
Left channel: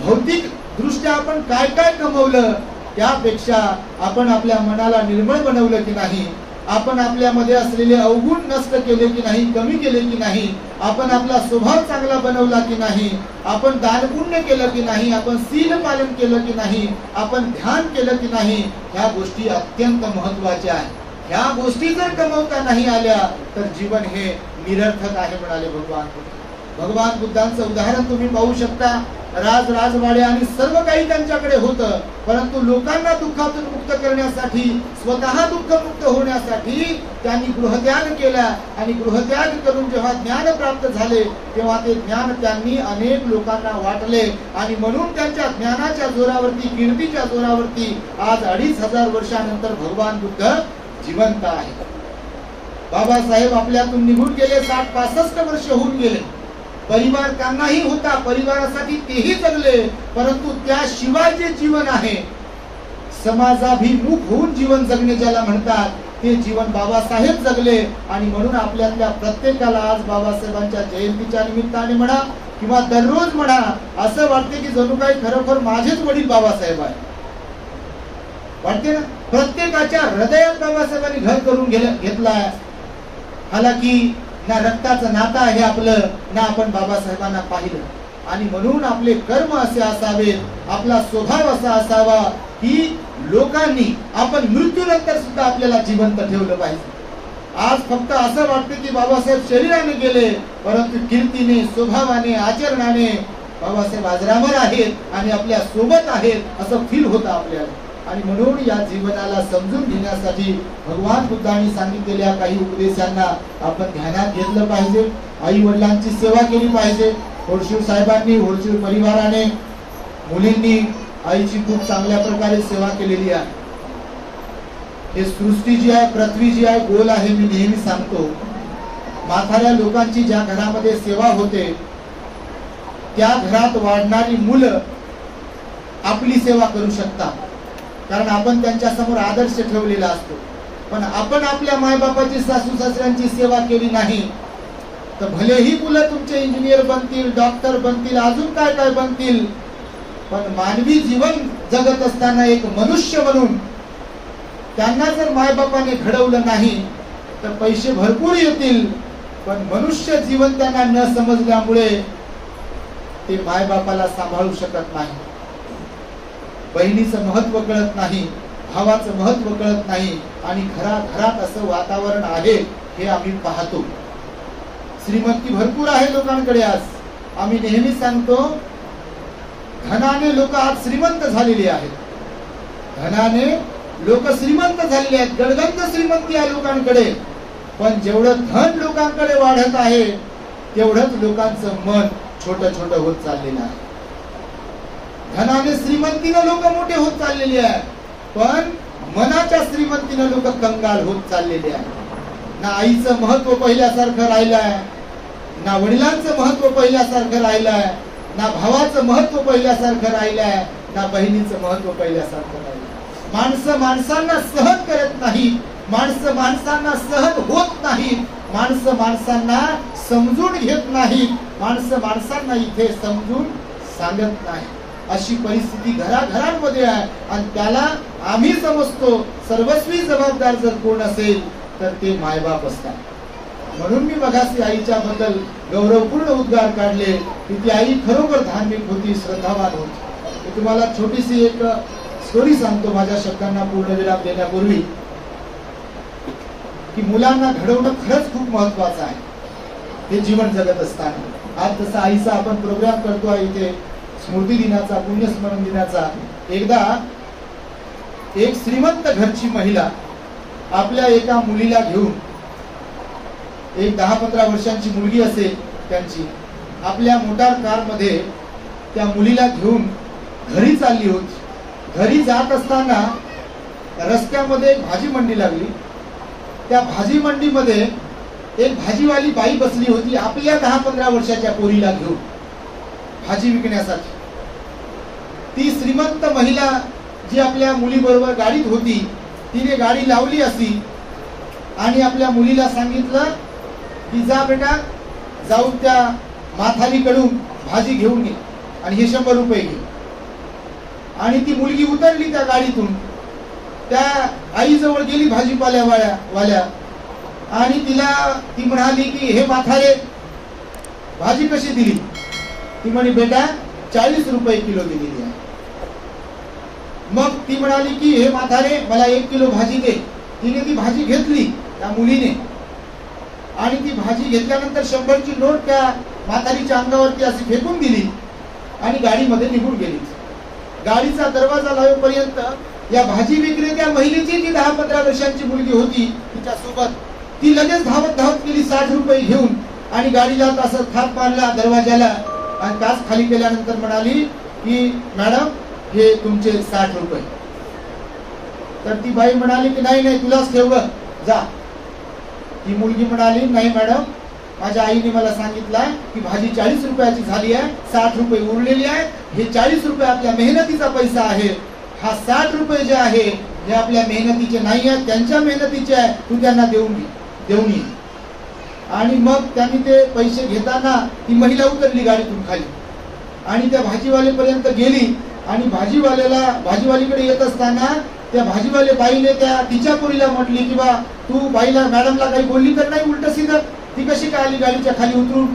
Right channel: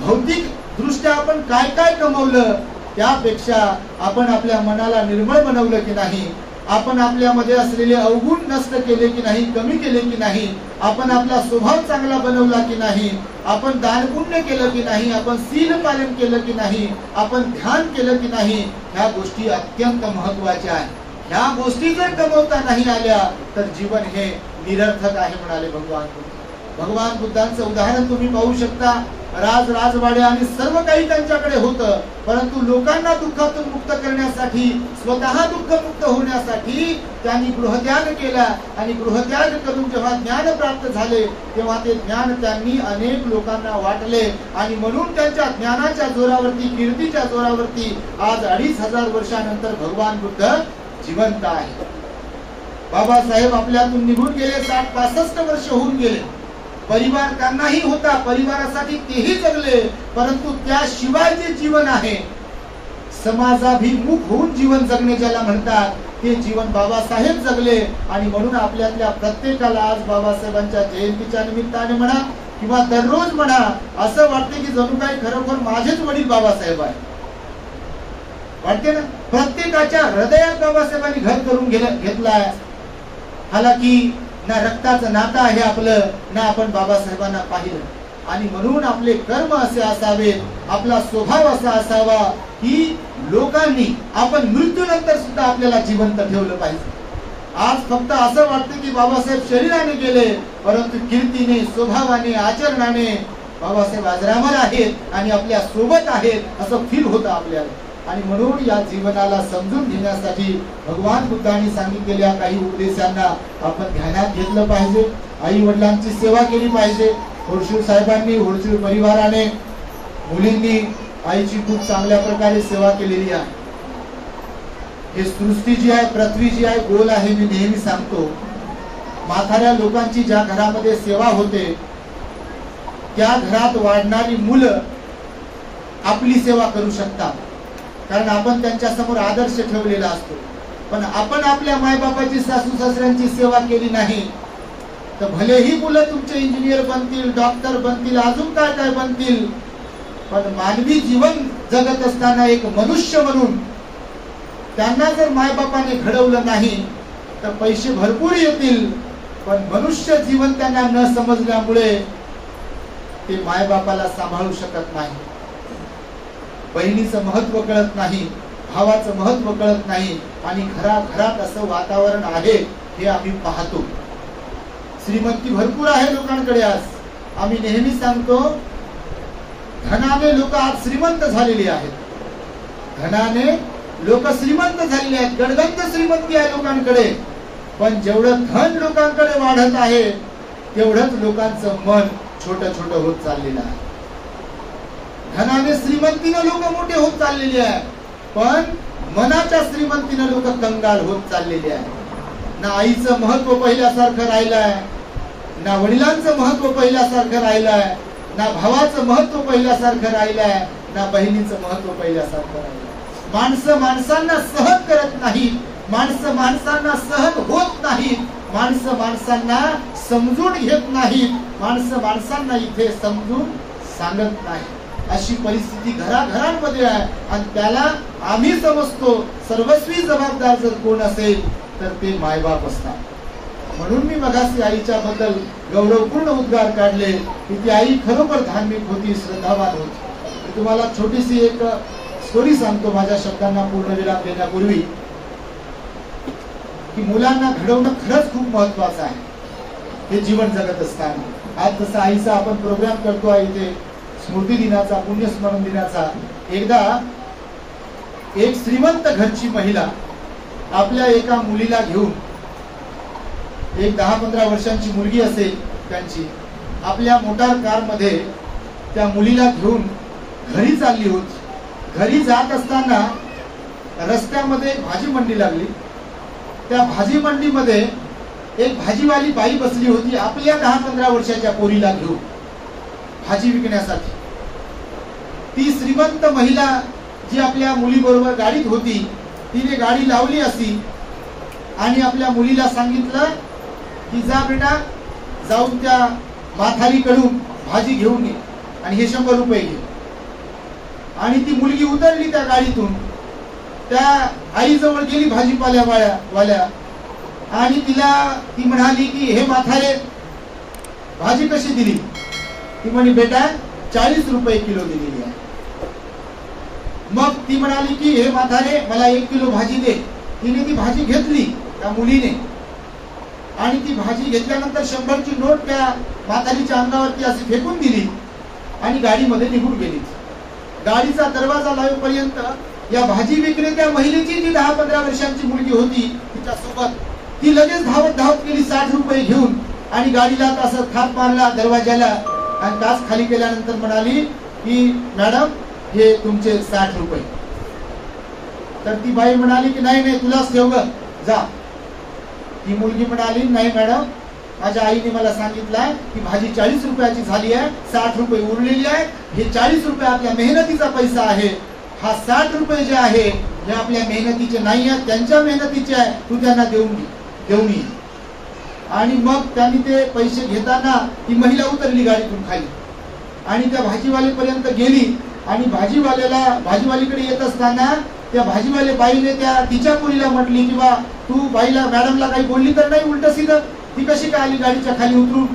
भौतिक दृष्ट्या आपण काय काय कमवलं, त्यापेक्षा आपण आपल्या मनाला निर्मळ बनवलं की नाही, आपण आपल्यामध्ये असलेले अवगुण नष्ट केले की नाही, कमी केले की नाही, आपण आपला स्वभाव चांगला बनवला की नाही, आपण दानपुण्य केलं की नाही, आपण शील पालन केलं की नाही, आपण ध्यान केलं की नाही, ह्या गोष्टी अत्यंत महत्वाच्या आहेत. ह्या गोष्टी जर कमवता नाही आल्या तर जीवन हे निरर्थक आहे म्हणाले भगवान बुद्ध. भगवान बुद्धांचं उदाहरण तुम्ही पाहू शकता. राजवाडे आणि सर्व काही त्यांच्याकडे होतं, परंतु लोकांना दुःखातून मुक्त करण्यासाठी, स्वतः दुःखमुक्त होण्यासाठी त्यांनी गृहत्याग केला आणि गृहत्याग करून जेव्हा ज्ञान प्राप्त झाले तेव्हा ते ज्ञान त्यांनी अनेक लोकांना वाटले आणि म्हणून त्यांच्या ज्ञानाच्या जोरावरती, कीर्तीच्या जोरावरती आज 2500 वर्षानंतर भगवान बुद्ध जिवंत आहे. बाबासाहेब आपल्यातून निघून गेले, 60-65 वर्ष होऊन गेले. परिवार त्यांनाही होता, परिवारासाठी तेही जगले, परंतु त्याशिवाय जे जीवन आहे समाजाभिमुख होऊन जीवन जगणे ज्याला म्हणतात ते जीवन बाबासाहेब जगले. आणि म्हणून आपल्यातल्या प्रत्येकाला आज बाबासाहेबांच्या जयंतीच्या निमित्ताने म्हणा किंवा दररोज म्हणा असं वाटते की जणू काही खरोखर माझेच वडील बाबासाहेब आहे. वाटते ना, प्रत्येकाच्या हृदयात बाबासाहेबांनी घर करून घेतलाय. हालाकी ना रक्ताचं नातं आहे आपलं, ना आपण बाबासाहेबांना पाहिलं. आणि म्हणून आपले कर्म असे असावेत, आपला स्वभाव असा असावा की लोकांनी आपण मृत्यूनंतर सुद्धा आपल्याला जिवंत ठेवलं पाहिजे. आज फक्त असं वाटतं की बाबासाहेब शरीराने गेले, परंतु कीर्तीने, स्वभावाने, आचरणाने बाबासाहेब अजरामर आहेत आणि आपल्या सोबत आहेत असं फील होतं आपल्याला. आणि म्हणून या जीवनाला समजून घेण्यासाठी भगवान बुद्धांनी सांगितलेल्या काही उपदेशांना आपण ध्यानात घेतलं पाहिजे. आई वडिलांची सेवा केली पाहिजे. होडशूर साहेबांनी, होडशूर परिवाराने, मुलींनी आईची खूप चांगल्या प्रकारे सेवा केलेली आहे. हे सृष्टी जी आहे, पृथ्वी जी आहे गोल आहे. मी नेहमी सांगतो, म्हाताऱ्या लोकांची ज्या घरामध्ये सेवा होते त्या घरात वाढणारी मुलं आपली सेवा करू शकतात, कारण आपण त्यांच्या समोर आदर्श ठेवलेला असतो. पण आपण आपल्या मायबापाची, सासू सासऱ्यांची सेवा केली नाही तर भलेही मुलं तुमचे इंजिनियर बनतील, डॉक्टर बनतील, अजून काय काय बनतील, पण मानवी जीवन जगत असताना एक मनुष्य म्हणून त्यांना जर मायबापाने घडवलं नाही तर पैसे भरपूर येतील, पण मनुष्य जीवन त्यांना न समजल्यामुळे ते मायबापाला सांभाळू शकत नाही. बहिणीचं महत्व कळत नाही, भावाचं महत्व कळत नाही आणि घरात असं वातावरण आहे हे आम्ही पाहतो. श्रीमंती भरपूर आहे लोकांकडे. आज आम्ही नेहमी सांगतो, धनाने लोक आज श्रीमंत झालेली आहेत, धनाने लोक श्रीमंत झालेले आहेत, गडगंज श्रीमंती आहे लोकांकडे, पण जेवढं धन लोकांकडे वाढत आहे तेवढंच लोकांचं मन छोटं छोटं होत चाललेलं आहे. धनाने श्रीमंतीनं लोक मोठे होत चाललेले आहे, पण मनाच्या श्रीमंतीनं लोक कंगाल होत चाललेले आहे. ना आईचं महत्व पहिल्यासारखं राहिलं आहे, ना वडिलांचं महत्व पहिल्यासारखं राहिलं आहे, ना भावाचं महत्व पहिल्यासारखं राहिलं आहे, ना बहिणीचं महत्व पहिल्यासारखं राहिलं. माणसं माणसांना सहन करत नाही, माणसं माणसांना सहन होत नाही, माणसं माणसांना समजून घेत नाही, माणसं माणसांना इथे समजून सांगत नाही. अशी परिस्थिती घराघरांमध्ये आहे आणि त्याला आम्ही समजतो सर्वस्वी जबाबदार जर कोण असेल तर ते मायबाप असतात. म्हणून मी मगाशी आईच्या बद्दल गौरवपूर्ण उद्गार काढले की ती आई खरोखर धार्मिक होती, श्रद्धावान होती. मी तुम्हाला छोटीशी एक स्टोरी सांगतो माझ्या शब्दांना पूर्णविराम देण्यापूर्वी, की मुलांना घडवणं खरंच खूप महत्वाचं आहे हे जीवन जगत असताना. आज जसा आईचा आपण प्रोग्राम करतो आहे इथे स्मृती दिनाचा, पुण्यस्मरण दिनाचा, एकदा एक श्रीमंत घरची महिला आपल्या एका मुलीला घेऊन, एक 10-15 वर्षांची मुलगी असेल त्यांची, आपल्या मोटार कार मध्ये त्या मुलीला घेऊन घरी चालली होती. घरी जात असताना रस्त्यामध्ये एक भाजी मंडी लागली. त्या भाजी मंडीमध्ये एक भाजीवाली बाई बसली होती आपल्या 10-15 वर्षाच्या पोरीला घेऊन भाजी विकण्यासाठी. ती श्रीमंत महिला जी आपल्या मुलीबरोबर गाडीत होती तिने गाडी लावली अशी आणि आपल्या मुलीला सांगितलं की जा बेटा, जाऊन त्या माथारीकडून भाजी घेऊन ये आणि हे 100 रुपये घे. आणि ती मुलगी उतरली त्या गाडीतून, त्या आईजवळ गेली भाजीपाल्यावाल्या आणि ती म्हणाली की हे म्हातारे भाजी कशी दिली? ती म्हणे बेटा 40 रुपये किलो दिलेली आहे. मग ती म्हणाली की हे म्हातारे मला 1 किलो भाजी दे. तिने ती भाजी घेतली त्या मुलीने आणि ती भाजी घेतल्यानंतर 100ची नोट त्या म्हातारीच्या अंगावरती अशी फेकून दिली आणि गाडीमध्ये निघून गेली. गाडीचा दरवाजा लावेपर्यंत या भाजी विक्रेत्या महिलेची जी 10-15 वर्षांची मुलगी होती तिच्यासोबत, ती लगेच धावत धावत गेली 60 रुपये घेऊन आणि गाडीला असं थाप मारला दरवाजाला आणि काच खाली केल्यानंतर म्हणाली की मॅडम हे तुमचे 60 रुपये. तर ती बाई म्हणाली की नाही नाही तुलाच ठेव ग, जा. ती मुलगी म्हणाली नाही मॅडम, माझ्या आईने मला सांगितलं की भाजी 40 रुपयाची झाली आहे, 60 रुपये उरलेली आहे. हे 40 रुपये आपल्या मेहनतीचा पैसा आहे, हा 60 रुपये जे आहे हे आपल्या मेहनतीचे नाही आहे, त्यांच्या मेहनतीचे आहे, तू त्यांना देऊन ये. आणि मग त्यांनी ते पैसे घेताना ती महिला उतरली गाडीतून खाली आणि त्या भाजीवालेपर्यंत गेली आणि भाजीवालीकडे येत असताना त्या भाजीवाले बाईने त्या तिच्या पोरीला म्हटली की बा तू बाईला मॅडमला काही बोलली तर नाही उलट सीधं, ती कशी काय आली गाडीच्या खाली उतरून?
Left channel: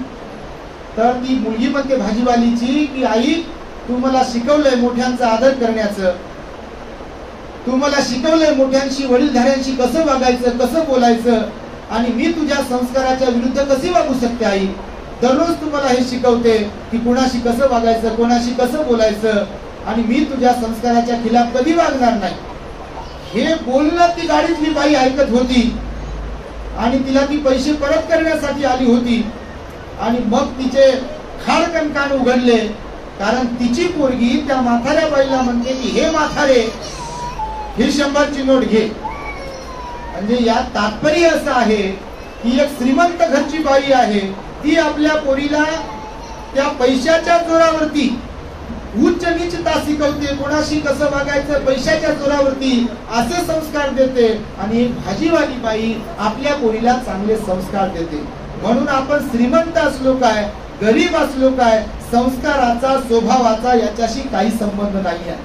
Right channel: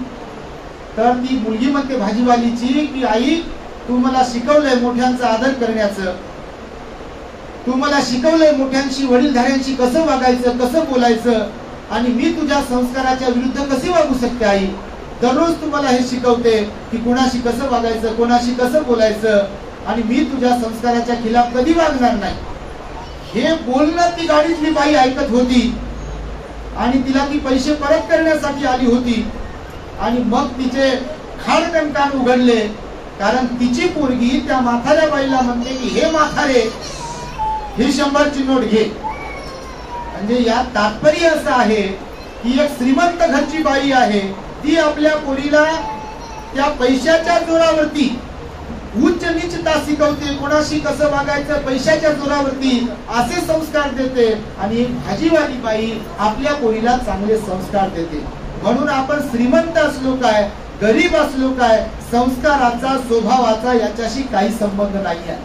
तर ती मुलगी म्हणते भाजीवालीची की आई तू मला शिकवलंय मोठ्यांचा आदर करण्याचं, तू मला शिकवलंय मोठ्यांशी वडीलधाऱ्यांशी कसं वागायचं कसं बोलायचं आणि मी तुझ्या संस्काराच्या विरुद्ध कशी वागू शकते आई? दररोज तू मला हे शिकवते की कोणाशी कसं वागायचं कोणाशी कसं बोलायचं आणि मी तुझ्या संस्काराच्या खिलाफ कधी वागणार नाही. हे बोलणं ती गाडीतली बाई ऐकत होती आणि तिला ती पैसे परत करण्यासाठी आली होती आणि मग तिचे खाडकन कान उघडले कारण तिची पोरगी त्या म्हाताऱ्या बाईला म्हणते की हे म्हातारे ही 100ची नोट घे. म्हणजे या तात्पर्य असं आहे की एक श्रीमंत घरची बाई आहे, ती आपल्या पोरीला त्या पैशाच्या जोरावरती उच्च नीचता शिकवते, कोणाशी कसं वागायचं पैशाच्या जोरावरती असे संस्कार देते आणि भाजीवाली बाई आपल्या पोरीला चांगले संस्कार देते. म्हणून आपण श्रीमंत असलो काय गरीब असलो काय संस्काराचा स्वभावाचा याच्याशी काही संबंध नाही आहे.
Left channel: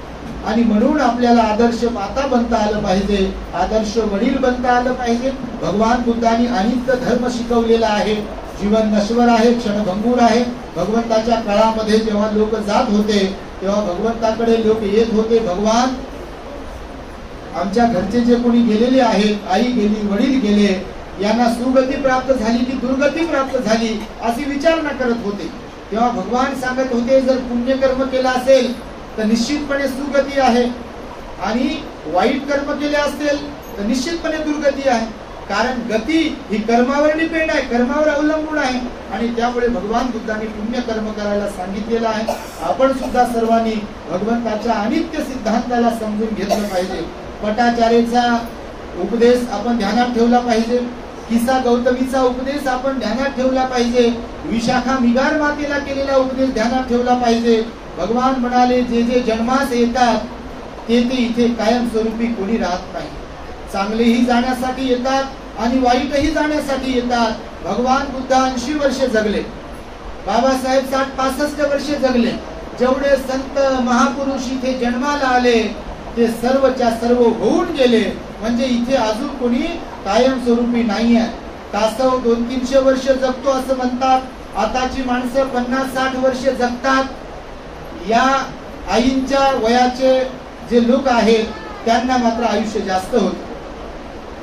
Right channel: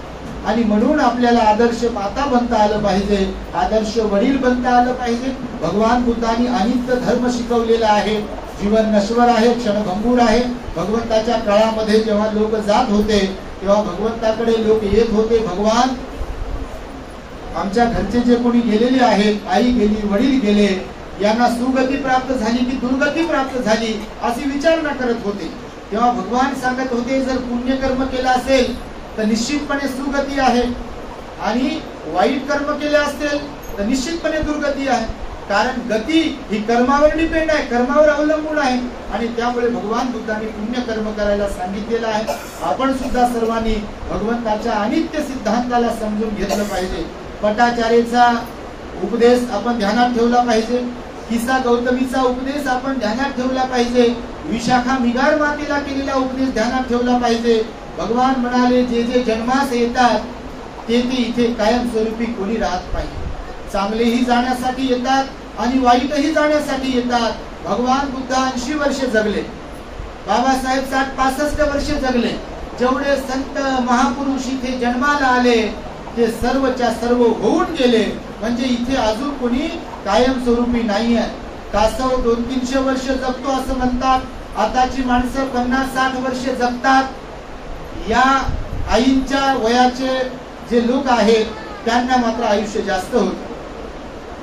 आणि म्हणून आपल्याला आदर्श माता बनता आलं पाहिजे, आदर्श वडील बनता आलं पाहिजे. भगवान बुद्धांनी अनित्य धर्म शिकवलेला आहे. जीवन नश्वर आहे, क्षणभंगूर आहे. भगवंताच्या काळामध्ये जेव्हा लोक जात होते तेव्हा भगवंताकडे लोक येत होते, भगवान आमच्या घरचे जे कोणी गेलेले आहेत, आई गेली वडील गेले, यांना सुगती प्राप्त झाली की दुर्गती प्राप्त झाली अशी विचारणा करत होते. तेव्हा भगवान सांगत होते जर पुण्यकर्म केलं असेल तर निश्चितपणे सुगती आहे आणि वाईट कर्म केले असेल तर निश्चितपणे दुर्गती आहे. कारण गती ही कर्मावर डिपेंड आहे, कर्मावर अवलंबून आहे. आणि त्यामुळे भगवान बुद्धांनी पुण्य कर्म करायला सांगितलेलं आहे. आपण सुद्धा सर्वांनी भगवंताच्या अनित्य सिद्धांताला समजून घेतलं पाहिजे. पटाचार्याचा उपदेश आपण ध्यानात ठेवला पाहिजे. किसा गौतमीचा उपदेश आपण ध्यानात ठेवला पाहिजे. विशाखा मिगार मातेला केलेला उपदेश ध्यानात ठेवला पाहिजे. भगवान म्हणाले जे जे जन्मास येतात ते ते इथे कायमस्वरूपी कोणी राहत नाही. चांगलेही जाण्यासाठी येतात आणि वाईटही जाण्यासाठी येतात. भगवान बुद्ध 80 वर्षे जगले, बाबासाहेब 60-65 वर्षे जगले. जेवढे संत महापुरुष इथे जन्माला आले ते सर्वच्या सर्व होऊन गेले. म्हणजे इथे अजून कोणी कायमस्वरूपी नाही आहे. तासव 200-300 वर्ष जगतो असं म्हणतात. आताची माणसं 50-60 वर्ष जगतात. या आईंच्या वयाचे जे लोक आहेत त्यांना मात्र आयुष्य जास्त होते.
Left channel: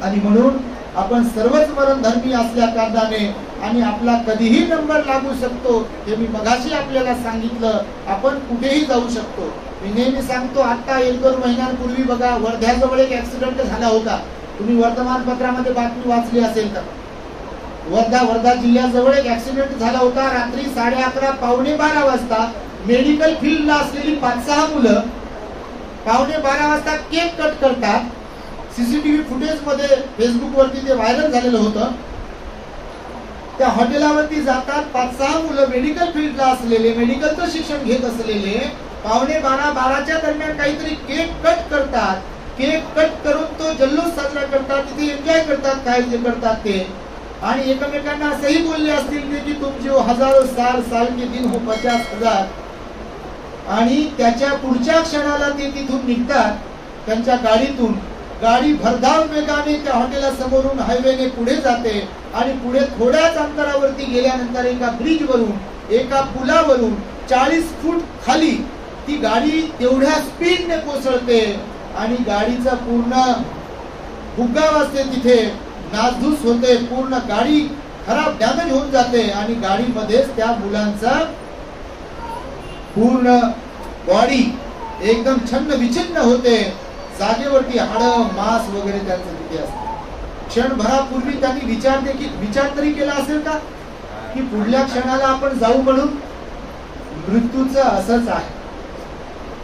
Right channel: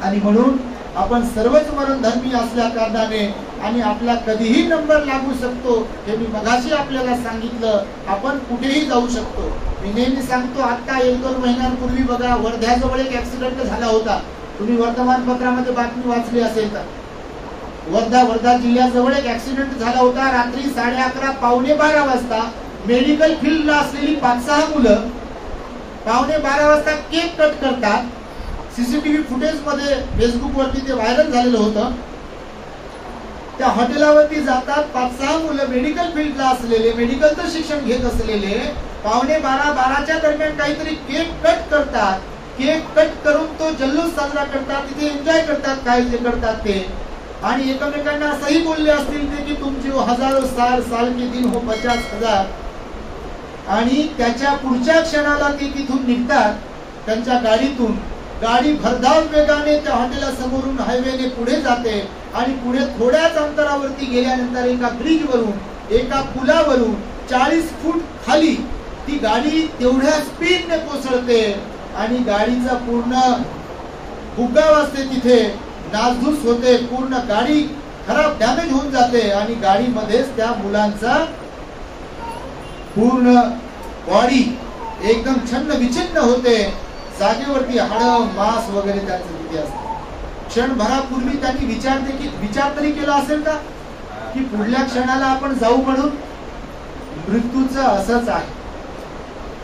आणि म्हणून आपण सर्वच मरणधर्मी असल्या कारणाने आणि आपला कधीही नंबर लागू शकतो. हे मी मगाशी आपल्याला सांगितलं. आपण कुठेही जाऊ शकतो. मी नेहमी सांगतो, आता 1-2 महिन्यांपूर्वी बघा वर्ध्याजवळ एक ऍक्सिडेंट झाला होता. तुम्ही वर्तमानपत्रामध्ये बातमी वाचली असेल तर. वर्धा जिल्ह्याजवळ एक ऍक्सिडेंट झाला होता. रात्री 11:30 पावणे 12 वाजता मेडिकल फील्डला असलेली 5-6 मुलं 11:15 वाजता केक कट करतात. सीसीटीव्ही फुटेज मध्ये फेसबुक वरती ते व्हायरल झालेलं होतं. त्या हॉटेलावरती जातात 5-6 मुलं मेडिकल फील्डला असलेले, मेडिकलचं शिक्षण घेत असलेले 11:15-12च्या दरम्यान काहीतरी केक कट करतात. केक कट करून तो जल्लोष साजरा करतात, तिथे एन्जॉय करतात काय जे करतात ते. आणि एकमेकांना असंही बोलले असतील ते की तुमचे हजारो साल के दिन हो 50,000. आणि त्याच्या पुढच्या क्षणाला ते तिथून निघतात त्यांच्या गाडीतून. गाडी भरधाव वेगाने त्या हॉटेला समोरून हायवेने पुढे जाते आणि पुढे थोड्याच अंतरावरती गेल्यानंतर एका ब्रिजवरून, एका पुलावरून 40 फूट खाली ती गाडी तेवढ्या स्पीडने कोसळते आणि गाडीचा पूर्ण भुगा वाजते, तिथे नासधूस होते, पूर्ण गाडी खराब डॅमेज होऊन जाते. आणि गाडीमध्येच त्या मुलांचा पूर्ण बॉडी एकदम छन्न विच्छिन्न होते. जागेवरती हाडं मांस वगैरे त्यांचं तिथे असतं. क्षणभरापूर्वी त्यांनी विचार तरी केला असेल का की पुढल्या क्षणाला आपण जाऊ म्हणून? मृत्यूचं असंच आहे.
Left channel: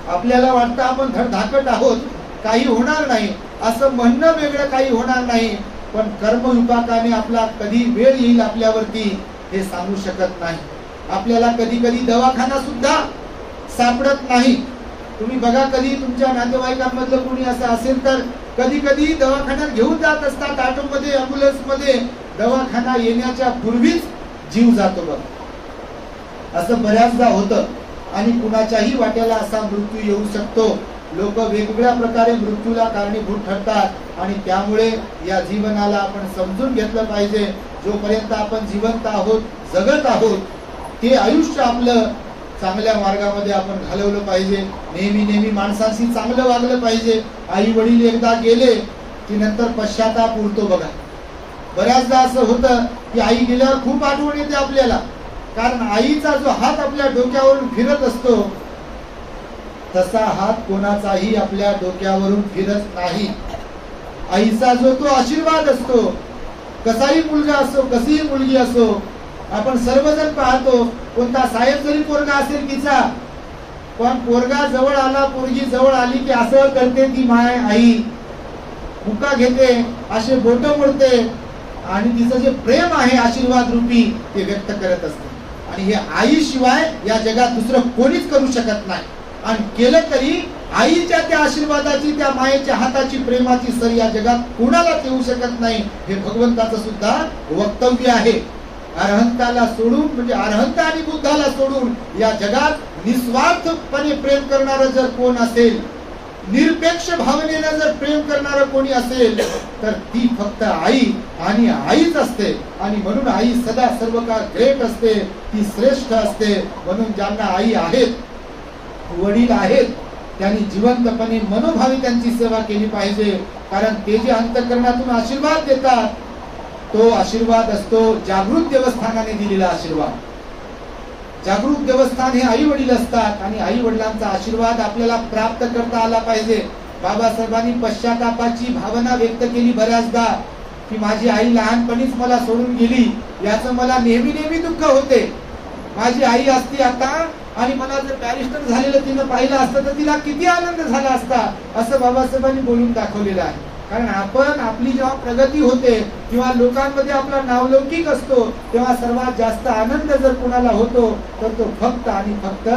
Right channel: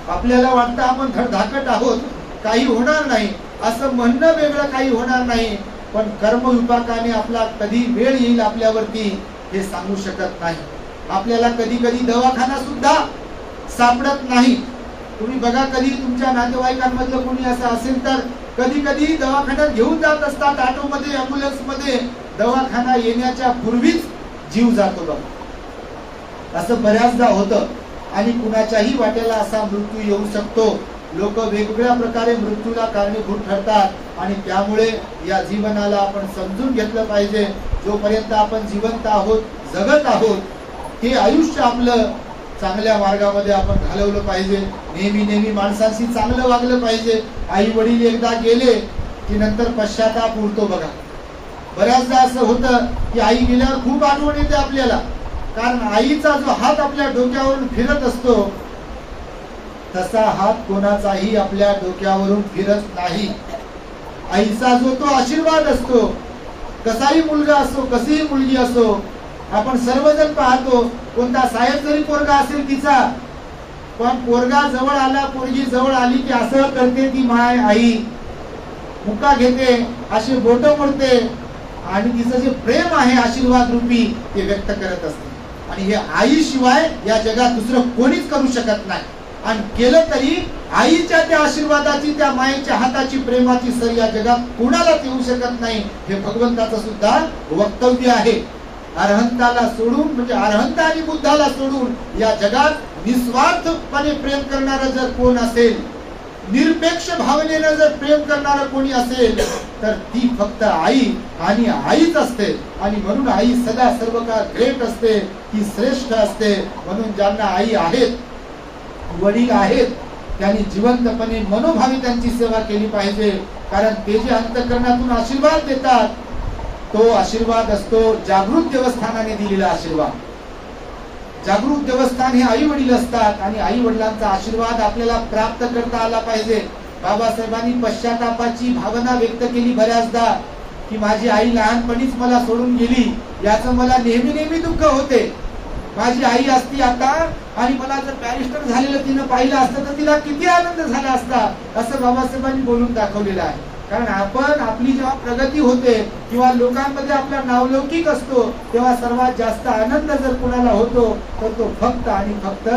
आपल्याला वाटतं आपण धडधाकट आहोत, काही होणार नाही असं म्हणणं वेगळं, काही होणार नाही. पण कर्मविपाकाने आपला कधी वेळ येईल आपल्यावरती हे सांगू शकत नाही. आपल्याला कधी कधी दवाखाना सुद्धा सापडत नाही. तुम्ही बघा, कधी तुमच्या नातेवाईकांमधलं कोणी असं असेल तर कधी कधी दवाखान्यात घेऊन जात असतात ऑटोमध्ये, अँब्युलन्स मध्ये. दवाखाना येण्याच्या पूर्वीच जीव जातो बघ. असं बऱ्याचदा होतं. आणि कुणाच्याही वाट्याला असा मृत्यू येऊ शकतो. लोक वेगवेगळ्या प्रकारे मृत्यूला कारणीभूत ठरतात. आणि त्यामुळे या जीवनाला आपण समजून घेतलं पाहिजे. जोपर्यंत आपण जिवंत आहोत, जगत आहोत, ते आयुष्य आपलं चांगल्या मार्गामध्ये आपण घालवलं पाहिजे. नेहमी माणसांशी चांगलं वागलं पाहिजे. आई वडील एकदा गेले की नंतर पश्चाताप उरतो बघा. बऱ्याचदा असं होतं की आई गेल्यावर खूप आठवण येते आपल्याला. कारण आईचा जो हात आपल्या डोक्यावरून फिरत असतो तसा हात कोणाचाही आपल्या डोक्यावरून फिरत नाही. आईचा जो तो आशीर्वाद असतो, कसाही मुलगा असो, कशीही मुलगी असो, आपण सर्वजण पाहतो. कोणता साहेब जरी पोरगा असेल तिचा, पण पोरगा जवळ आला, पोरगी जवळ आली की असं करते ती माय आई, मुका घेते, असे बोट मोडते आणि तिचं जे प्रेम आहे आशीर्वाद रूपी ते व्यक्त करत असते. आणि हे आईशिवाय या जगात दुसरं कोणीच करू शकत नाही. आणि केलं तरी आईच्या त्या आशीर्वादाची, त्या मायेच्या हाताची, प्रेमाची सर या जगात कोणालाच येऊ शकत नाही. हे भगवंताचं सुद्धा वक्तव्य आहे. अरहंताला सोडून, म्हणजे अरहंत आणि बुद्धाला सोडून या जगात निस्वार्थपणे प्रेम करणारं जर कोण असेल, निरपेक्ष भावनेनं जर प्रेम करणारं कोणी असेल तर ती फक्त आई आणि आईच असते. आणि म्हणून आई सदा सर्व काळ ग्रेट असते, ती श्रेष्ठ असते. म्हणून ज्यांना आई आहेत, वडील आहेत, त्यांनी जिवंतपणे मनोभावे त्यांची सेवा केली पाहिजे. कारण ते जे अंतःकरणातून आशीर्वाद देतात तो आशीर्वाद असतो जागृत देवस्थानाने दिलेला आशीर्वाद. जागृत देवस्थान हे आई वडील असतात आणि आई वडिलांचा आशीर्वाद आपल्याला प्राप्त करता आला पाहिजे. बाबासाहेबांनी पश्चातापाची भावना व्यक्त केली बऱ्याचदा की माझी आई लहानपणीच मला सोडून गेली, याचं मला नेहमी नेहमी दुःख होते. माझी आई असती आता आणि मला जर बॅरिस्टर झालेलं तिनं पाहिलं असतं तर तिला किती आनंद झाला असता, असं बाबासाहेबांनी बोलून दाखवलेलं आहे. कारण आपण आपली जेव्हा प्रगती होते किंवा लोकांमध्ये आपला नावलौकिक असतो तेव्हा सर्वात जास्त आनंद जर कुणाला होतो तर तो फक्त आणि फक्त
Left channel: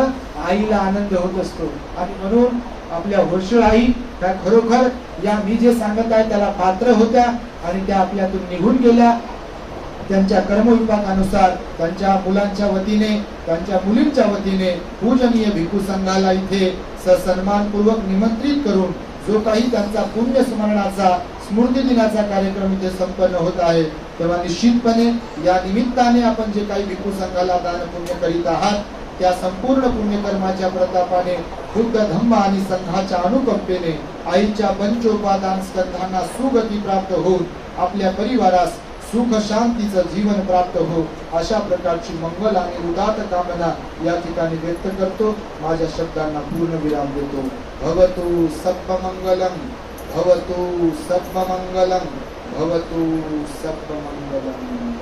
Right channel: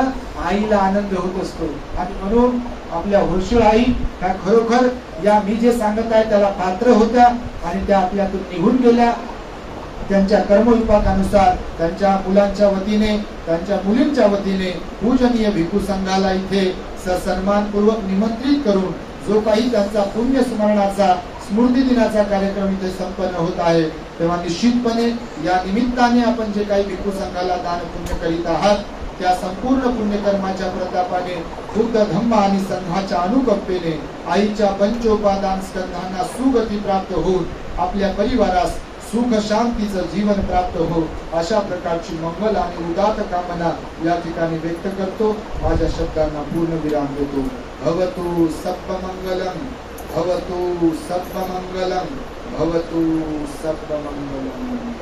आईला आनंद होत असतो. आणि म्हणून आपल्या होरशळ आई ह्या खरोखर या मी जे सांगत आहे त्याला पात्र होत्या आणि त्या आपल्यातून निघून गेल्या. त्यांच्या कर्मविपाकानुसार त्यांच्या मुलांच्या वतीने, त्यांच्या मुलींच्या वतीने पूजनीय भिक्खू संघाला इथे सन्मानपूर्वक निमंत्रित करून जो काही त्यांचा पुण्य स्मरणाचा स्मृती दिनाचा कार्यक्रम इथे संपन्न होत आहे, तेव्हा निश्चितपणे या निमित्ताने आपण जे काही भिक्खू संघाला दान पुण्य करीत आहात त्या संपूर्ण पुण्यकर्माच्या प्रतापाने बुद्ध धम्म आणि संघाच्या अनुकंपेने आईच्या पंचोपादान स्कंधांना सुगती प्राप्त होऊन आपल्या परिवारास सुख शांतीचं जीवन प्राप्त हो, अशा प्रकारची मंगल आणि उदात्त कामना या ठिकाणी व्यक्त करतो. माझ्या शब्दांना पूर्ण विराम देतो. भवतु सर्वमंगलम, भवतु सर्वमंगलम, भवतु सर्वमंगलम.